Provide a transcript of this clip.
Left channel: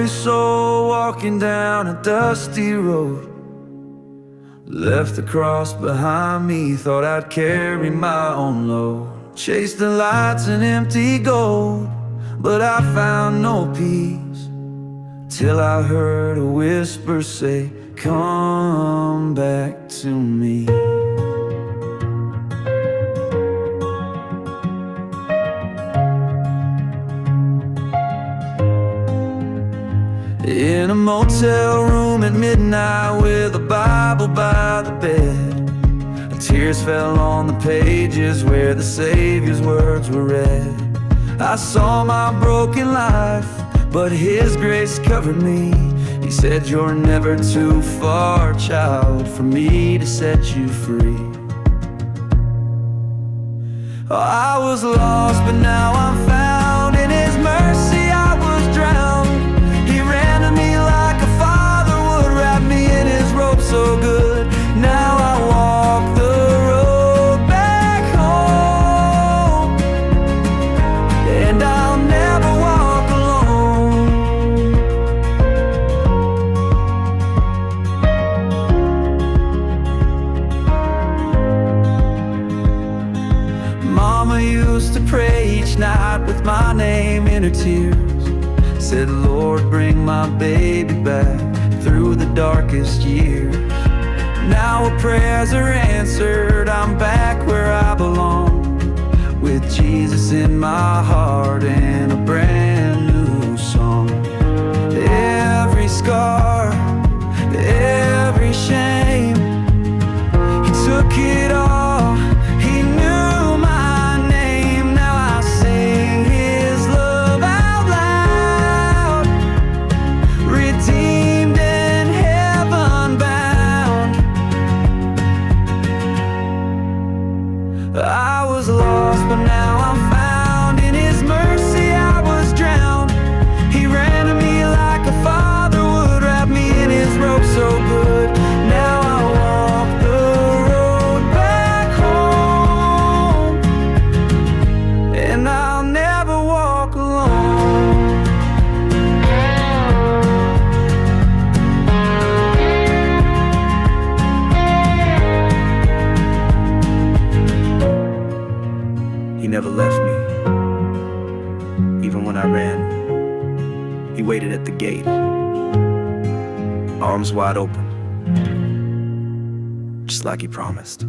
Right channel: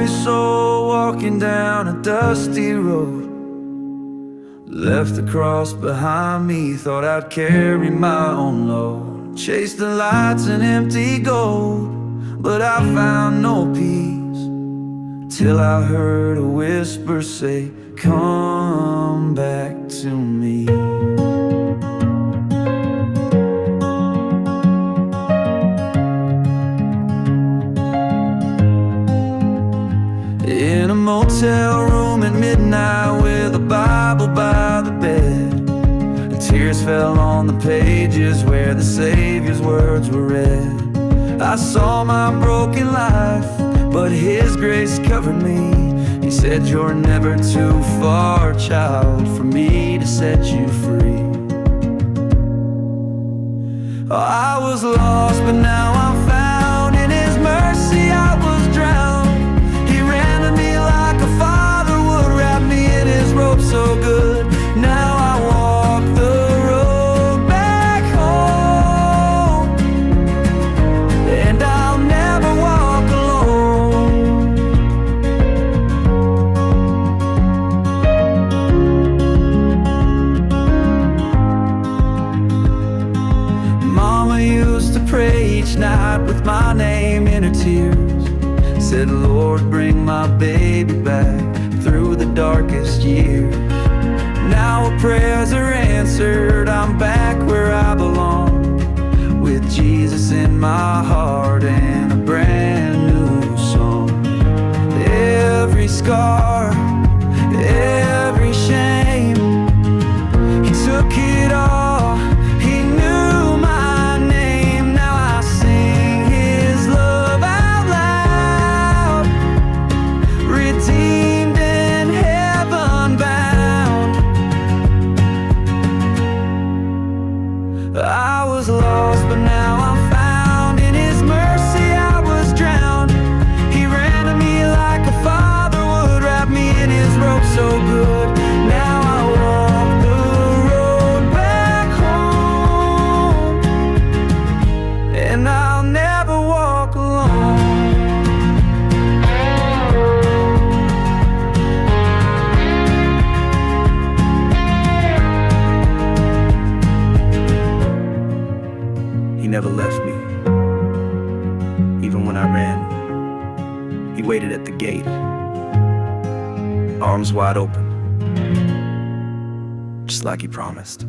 lonely soul walking down a dusty road. Left the cross behind me, thought I'd carry my own load. Chased the lights and empty gold, but I found no peace, till I heard a whisper say, come back to me. In a motel room at midnight with a Bible by the bed, tears fell on the pages where the Savior's words were read. I saw my broken life, but His grace covered me. He said, you're never too far, child, for me to set you free. Oh, I was lost, but now I'm found. In His mercy I was drowned. He ran to me like a father would, wrap me in His robe so good. Now I walk the road back home, and I'll never walk alone. Mama used to pray each night with my name in her tears. Said, Lord, bring my baby back through the darkest years. Now her prayers are answered, I'm back where I belong, with Jesus in my heart and a brand new song. Every scar, every shame, He took it all. He knew my name. Now I sing His love out loud, redeemed and heaven bound. I was lost, but now I'm found. In His mercy I was drowned. He ran to me like a father would, wrap me in His robe so good. Now I walk the road back home, and I'll never walk alone. He never left me. Even when I ran, He waited at the gate, arms wide open, just like He promised.